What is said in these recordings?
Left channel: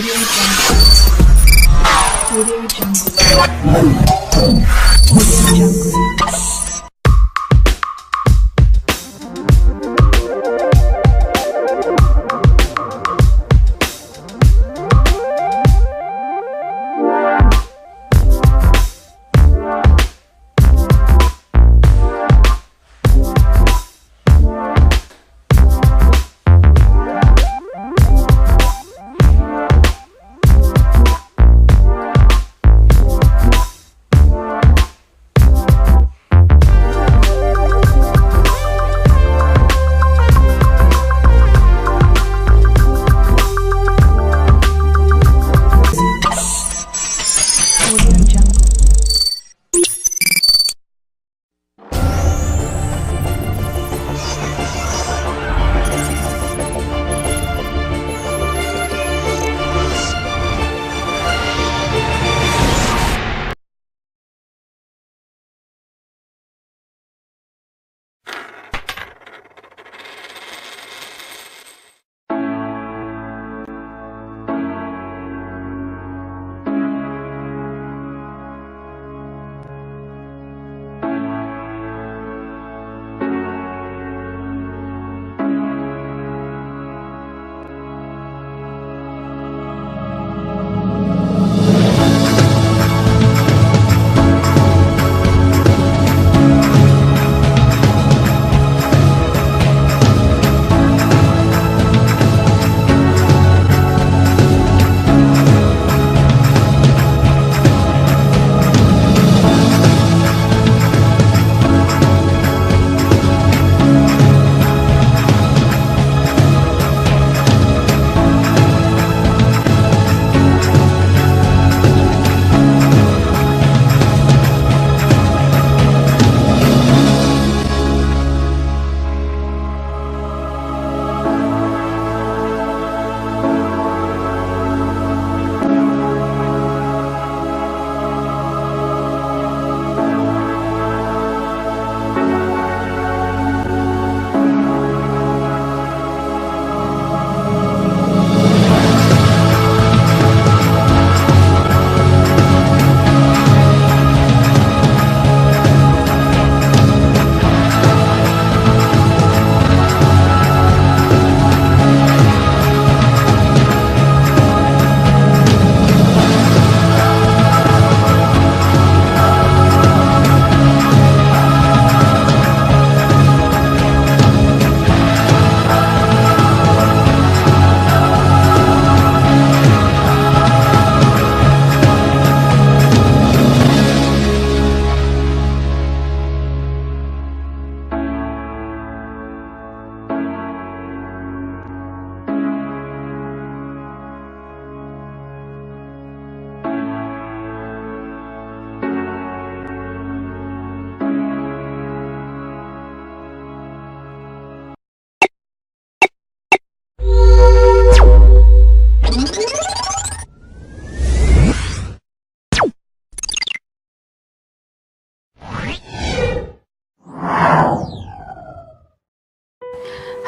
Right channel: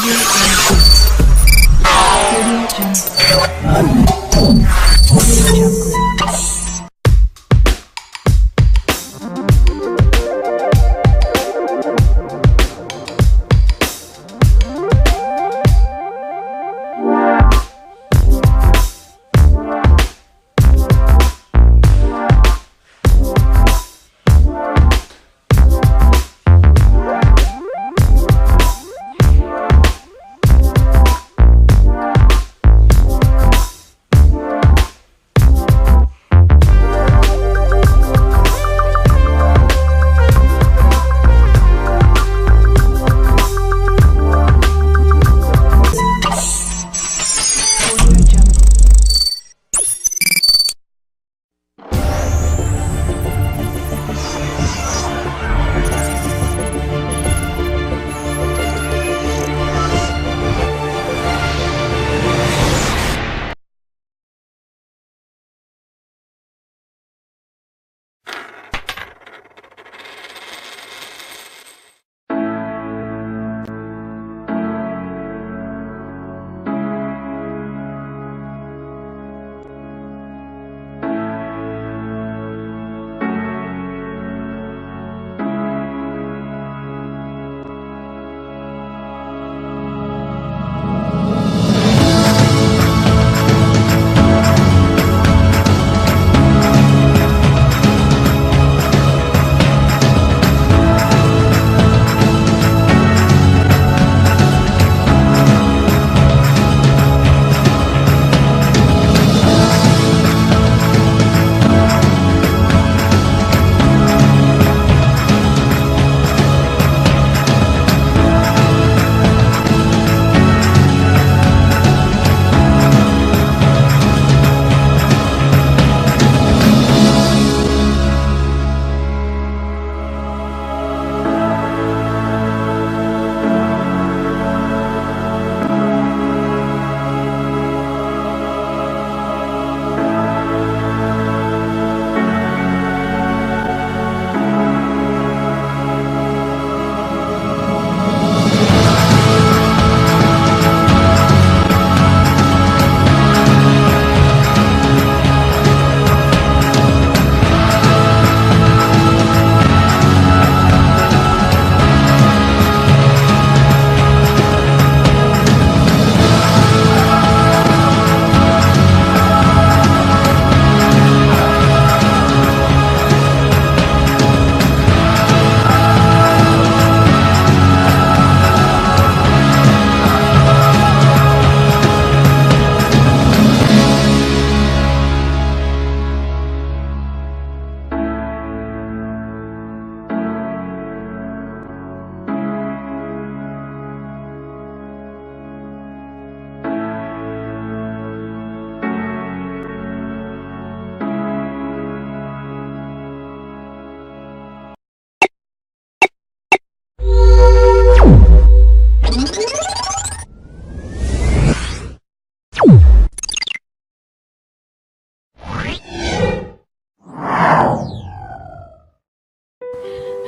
Audio Jungle. Audio Jungle.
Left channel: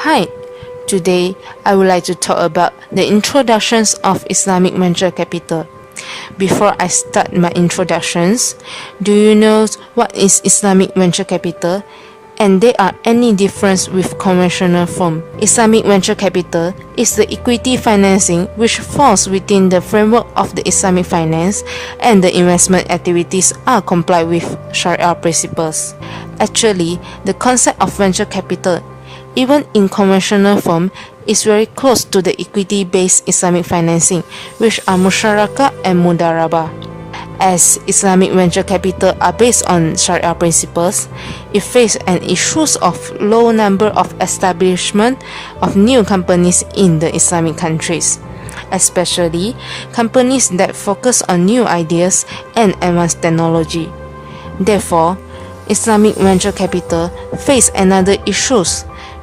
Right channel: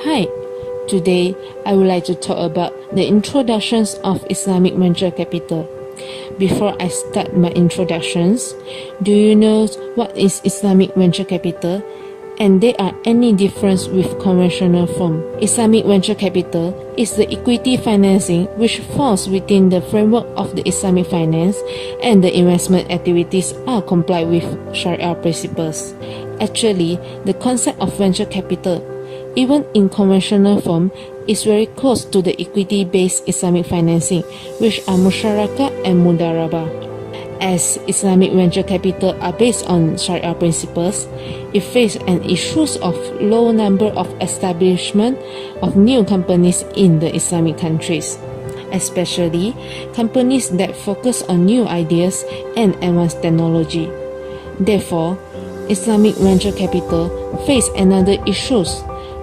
Hi, today I would like to talk about the introductions of Islamic venture capital. Before I start my introductions, do you know what is Islamic venture capital? And there are any difference with conventional firm? Islamic venture capital is the equity financing which falls within the framework of the Islamic finance, and the investment activities are complied with Sharia principles. Actually, the concept of venture capital, even in conventional form, is very close to the equity-based Islamic financing, which are musharaka and mudarabah. As Islamic venture capital are based on Sharia principles, it faces an issue of low number of establishment of new companies in the Islamic countries, especially companies that focus on new ideas and advanced technology. Therefore, Islamic venture capital face another issue,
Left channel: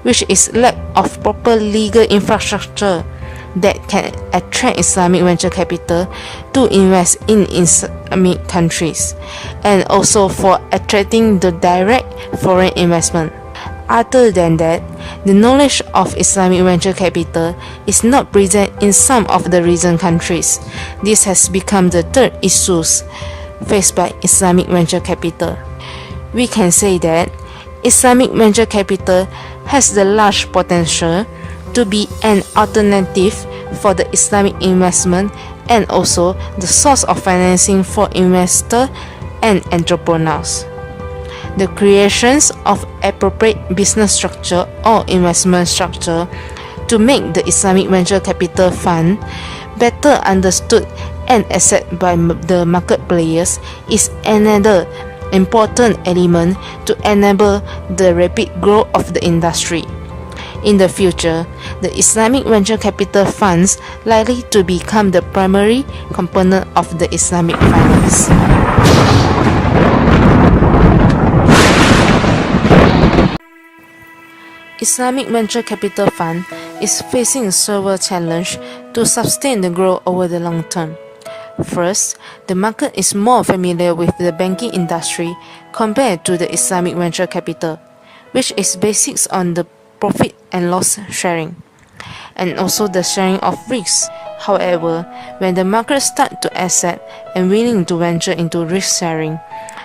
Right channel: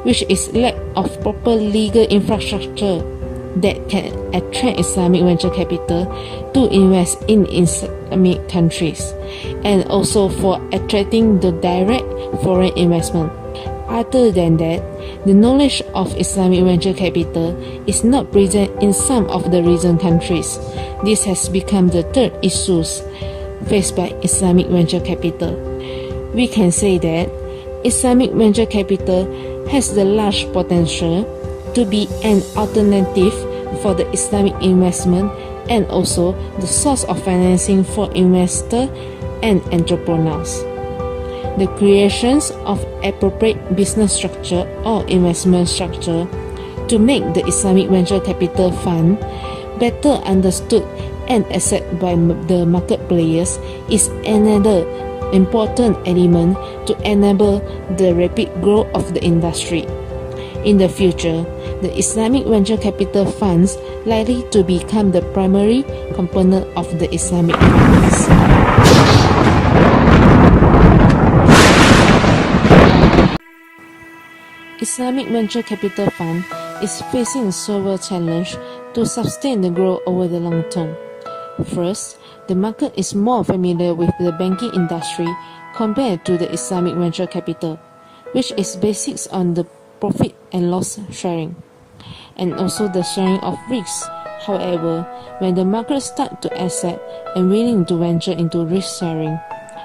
which is lack of proper legal infrastructure that can attract Islamic venture capital to invest in Islamic countries, and also for attracting the direct foreign investment. Other than that, the knowledge of Islamic venture capital is not present in some of the region countries. This has become the third issue faced by Islamic venture capital. We can say that Islamic venture capital has the large potential to be an alternative for the Islamic investment and also the source of financing for investors and entrepreneurs. The creations of appropriate business structure or investment structure to make the Islamic venture capital fund better understood and accepted by the market players is another important element to enable the rapid growth of the industry. In the future, the Islamic venture capital funds likely to become the primary component of the Islamic finance. Islamic venture capital fund is facing several challenges to sustain the growth over the long term. First, the market is more familiar with the banking industry compared to the Islamic venture capital, which is based on the profit and loss sharing, and also the sharing of risks. However, when the market starts to accept and willing to venture into risk sharing,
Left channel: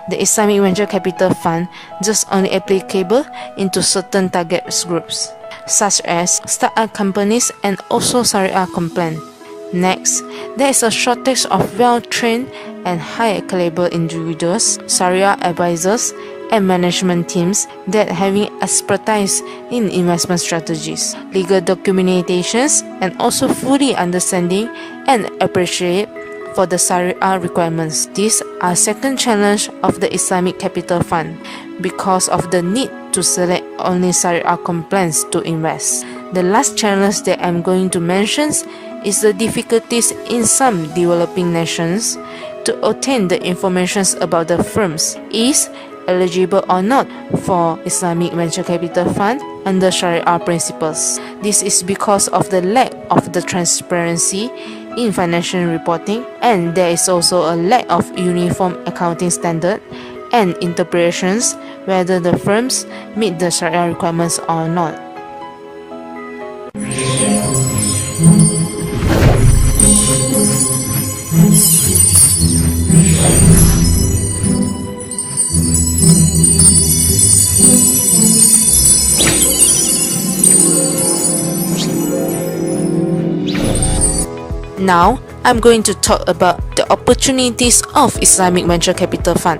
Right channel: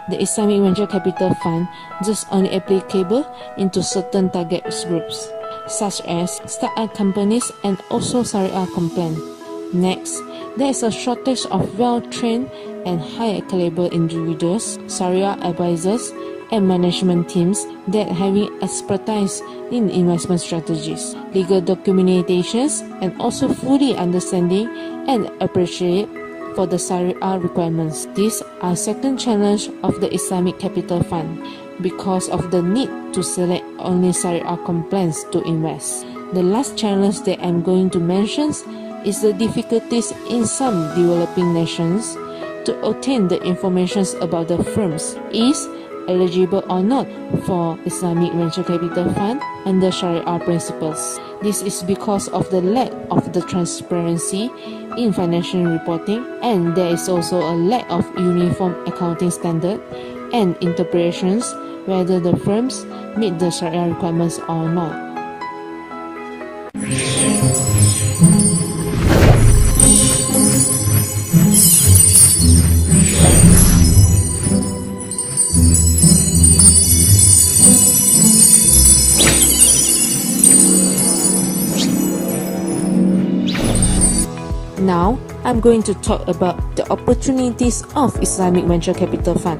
the Islamic venture capital fund just only applicable into certain target groups, such as startup companies and also Sharia compliant. Next, there is a shortage of well-trained and high-caliber individuals, Sharia advisors, and management teams that having expertise in investment strategies, legal documentations, and also fully understanding and appreciate for the Sharia requirements. These are second challenge of the Islamic Capital Fund because of the need to select only Sharia compliance to invest. The last challenge that I'm going to mention is the difficulties in some developing nations to obtain the information about the firms is eligible or not for Islamic venture capital fund under Sharia principles. This is because of the lack of the transparency in financial reporting, and there is also a lack of uniform accounting standard and interpretations whether the firms meet the Sharia requirements or not. Now, I'm going to talk about the opportunities of Islamic venture capital fund.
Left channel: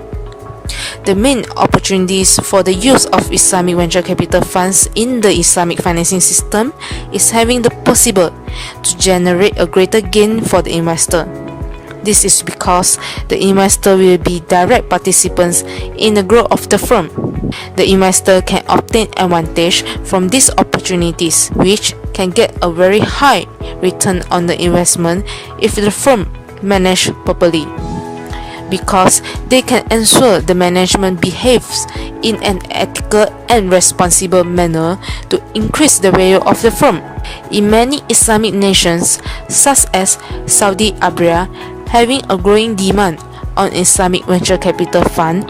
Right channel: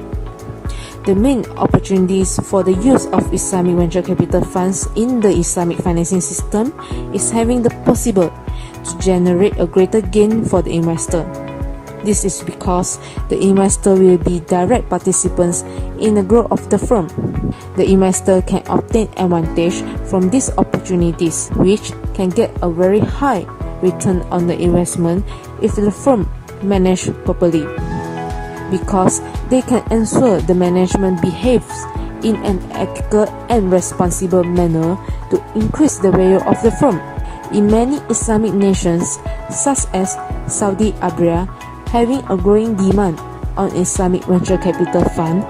The main opportunities for the use of Islamic venture capital funds in the Islamic financing system is having the possible to generate a greater gain for the investor. This is because the investor will be direct participants in the growth of the firm. The investor can obtain advantage from these opportunities, which can get a very high return on the investment if the firm managed properly, because they can ensure the management behaves in an ethical and responsible manner to increase the value of the firm. In many Islamic nations, such as Saudi Arabia, having a growing demand on Islamic venture capital fund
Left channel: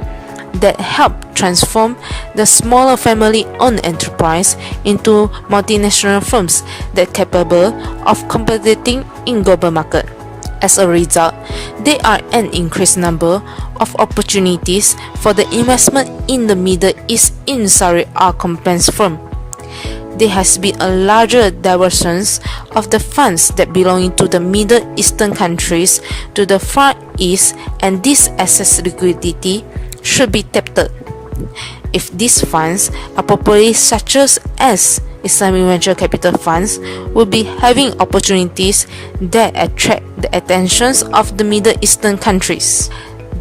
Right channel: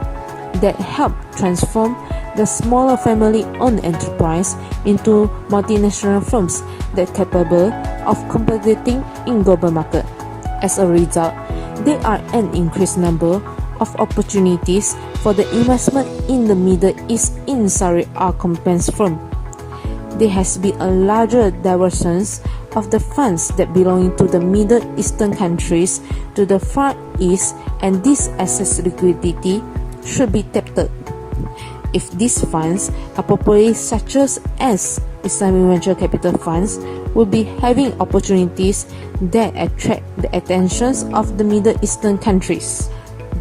that help transform the smaller family-owned enterprise into multinational firms that are capable of competing in global market. As a result, there are an increased number of opportunities for the investment in the Middle East in Sharia compliance firm. There has been a larger divergence of the funds that belong to the Middle Eastern countries to the Far East, and this excess liquidity should be tapped. If these funds are properly structured as Islamic venture capital funds, will be having opportunities that attract the attentions of the Middle Eastern countries.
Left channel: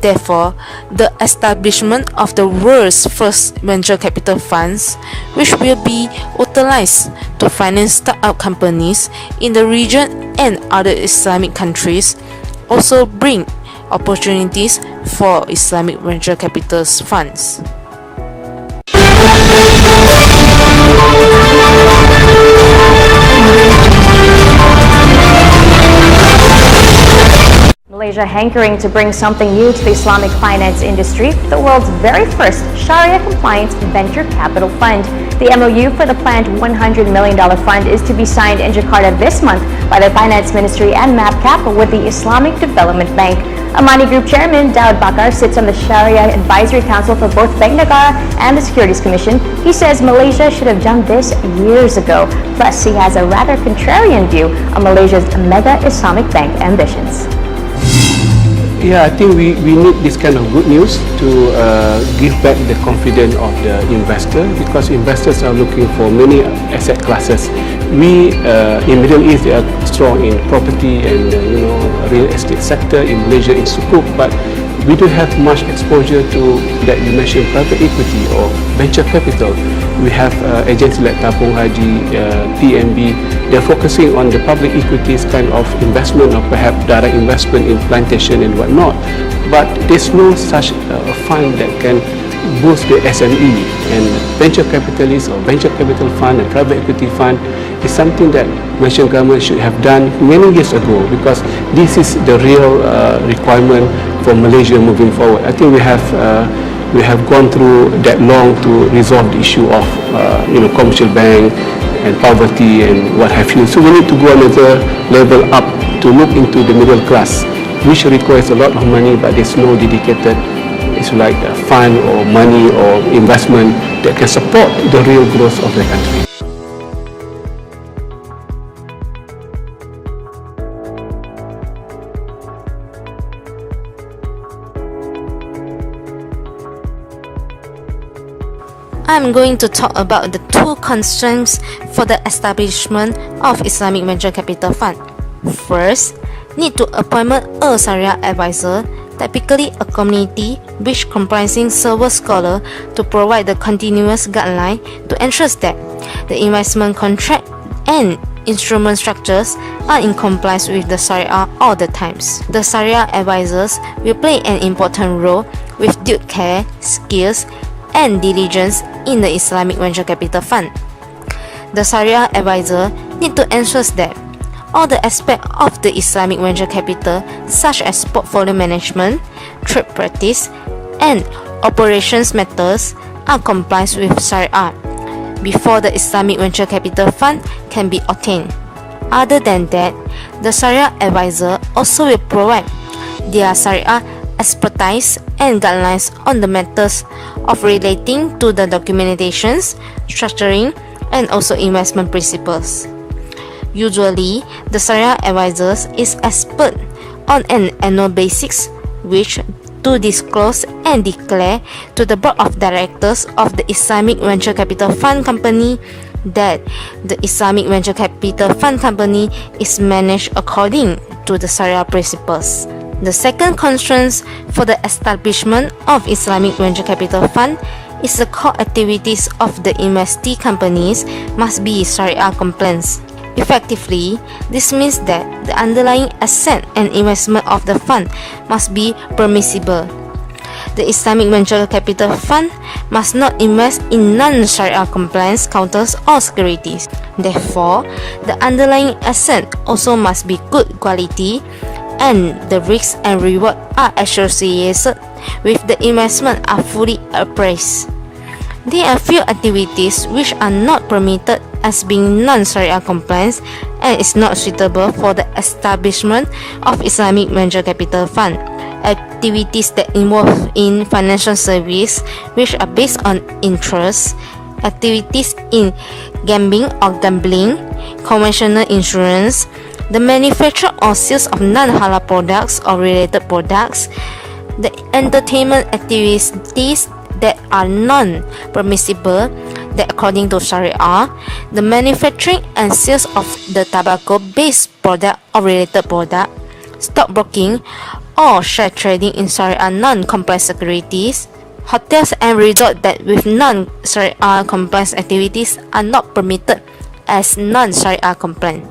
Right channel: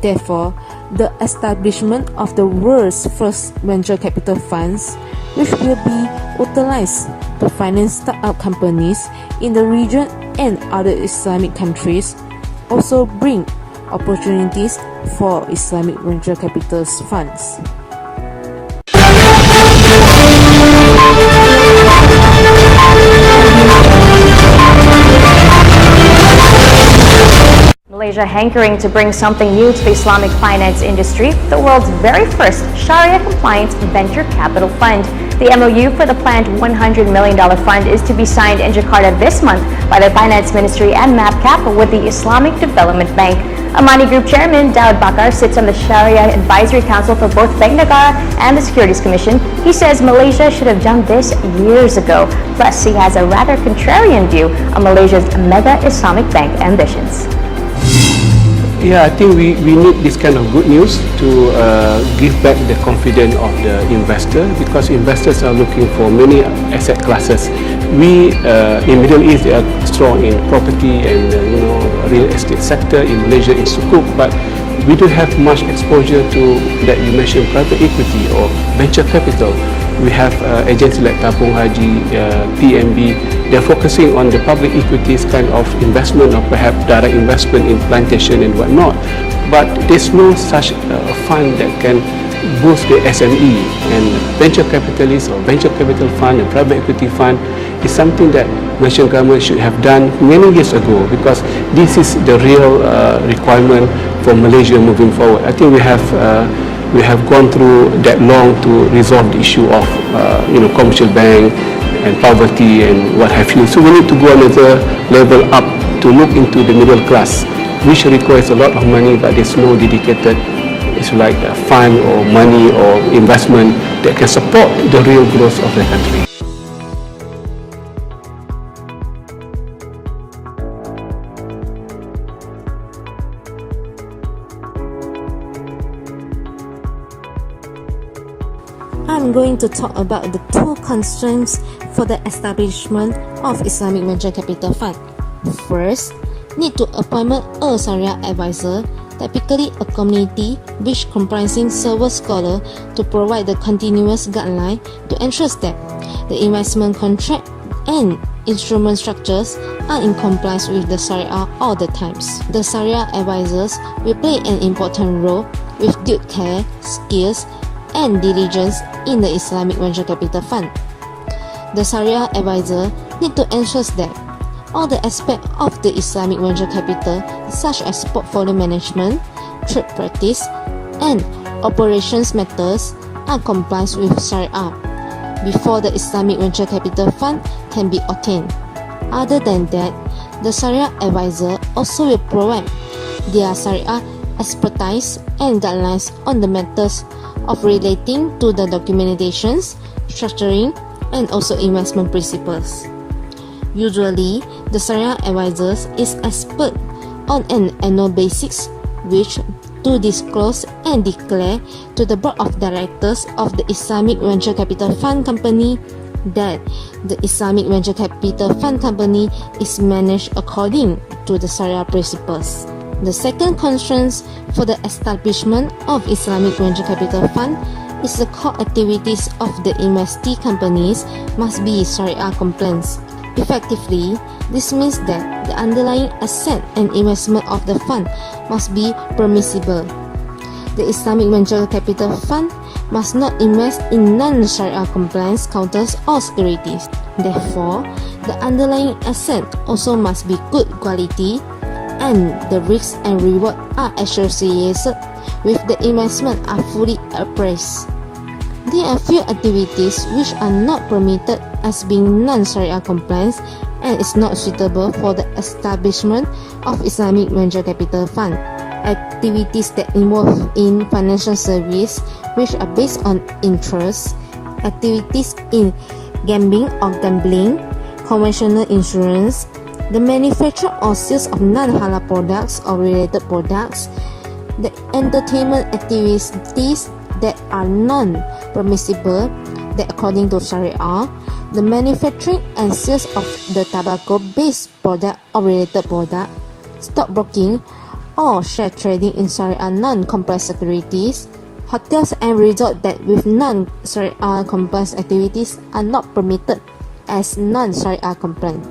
Therefore, the establishment of the world's first venture capital funds, which will be utilized to finance startup companies in the region and other Islamic countries, also bring opportunities for Islamic venture capital funds. Malaysia hankering to bring something new to the Islamic finance industry, the world's very first Sharia-compliant venture capital fund. The MOU for the planned $100 million fund is to be signed in Jakarta this month by the Finance Ministry and MAPCAP with the Islamic Development Bank. Amani Group Chairman Daud Bakar sits on the Sharia Advisory Council for both Bank Negara and the Securities Commission. He says Malaysia should have done this years ago. Plus, he has a rather contrarian view on Malaysia's mega Islamic bank ambitions. Yeah, I think we need this kind of good news to give back the confidence of the investor, because investors are looking for many asset classes. We in Middle East, they are strong in property and real estate sector. In Malaysia, in Sukuk, but we don't have much exposure to that you mentioned, private equity or venture capital. We have agencies like Tabung Haji, PMB. They're focusing on the public equities kind of investment, or perhaps direct investment in plantation and whatnot. But there's no such fund that can boost the SME, and venture capitalists or venture capital fund and private equity fund is something that Malaysian government should have done many years ago, because this is the real requirement for Malaysia moving forward. I think we have gone through that long to resolve the issue of commercial bank and poverty and what have you. So we need to go another level up to look into the middle class, which requires a lot of money, but there's no dedicated, it's like a fund or money or investment that can support the real growth of the country. I'm going to talk about the two constraints for the establishment of Islamic Venture Capital Fund. First, need to appoint a Sharia advisor, typically a community which comprising several scholars, to provide the continuous guideline to ensure that the investment contract and instrument structures are in compliance with the Sharia all the times. The Sharia advisors will play an important role with due care, skills, and diligence in the Islamic Venture Capital Fund. The Sharia advisor need to ensure that all the aspects of the Islamic venture capital, such as portfolio management, trade practice, and operations matters, are compliant with Sharia before the Islamic Venture Capital Fund can be obtained. Other than that, the Sharia advisor also will provide their Sharia expertise and guidelines on the matters of relating to the documentations, structuring, and also investment principles. Usually, the Sharia advisors is expert on an annual basis, which to disclose and declare to the board of directors of the Islamic Venture Capital Fund Company that the Islamic Venture Capital Fund Company is managed according to the Sharia principles. The second constraint for the establishment of Islamic Venture Capital Fund is the core activities of the investee companies must be Sharia compliant. Effectively, this means that the underlying asset and investment of the fund must be permissible. The Islamic Venture Capital Fund must not invest in non-Sharia compliant counters or securities. Therefore, the underlying asset also must be good quality, and the risks and reward are associated with the investment are fully appraised. There are few activities which are not permitted as being non-Sharia compliant and is not suitable for the establishment of Islamic Venture Capital Fund. Activities that involve in financial service which are based on interest, activities in gambling or gambling, conventional insurance, the manufacture or sales of non-halal products or related products, the entertainment activities that are non-permissible that according to Sharia, the manufacturing and sales of the tobacco-based product or related product, stockbroking or share trading in Sharia non-compliant securities, hotels and resorts that with non-Sharia compliant activities are not permitted as non-Sharia compliant.